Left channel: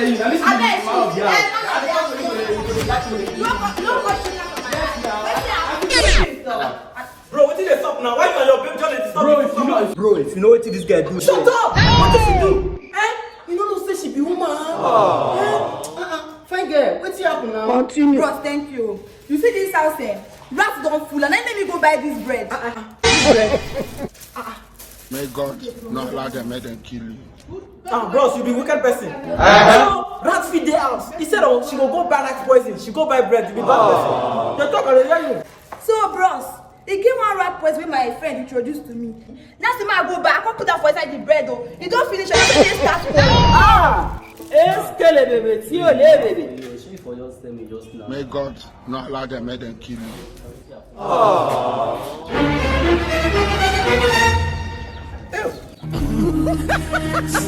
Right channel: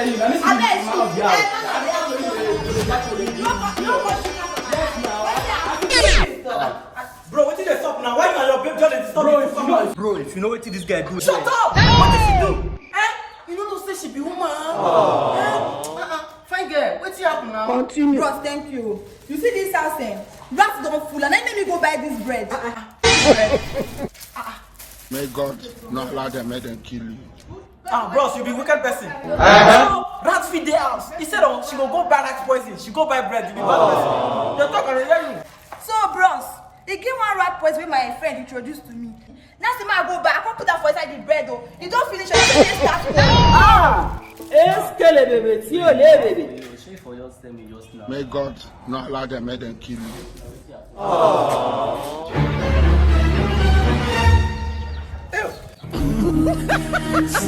Bro, what did they stop now? Why are your baby John is stopping? Bro, if you know what this guy do, Shut up! What did she do? You don't know say she be woman. Fine girl, what's happen now? Continue. Bros, thank you. You see this house, rats don't full, and I let me go buy this bread. May God not allow them, make them kill you. Bros, you be wicked person. Rats feed the house. Instead of she go buy rat poison, she go buy bread. You be bad person. They talk already, you. So, bros, he gave one rat poison wey my friend introduced to me. Now see I go back, I come put that for inside the bread though. You don't finish it. Eskele bebe, ti o le bebe. May God not allow them, make them kill you.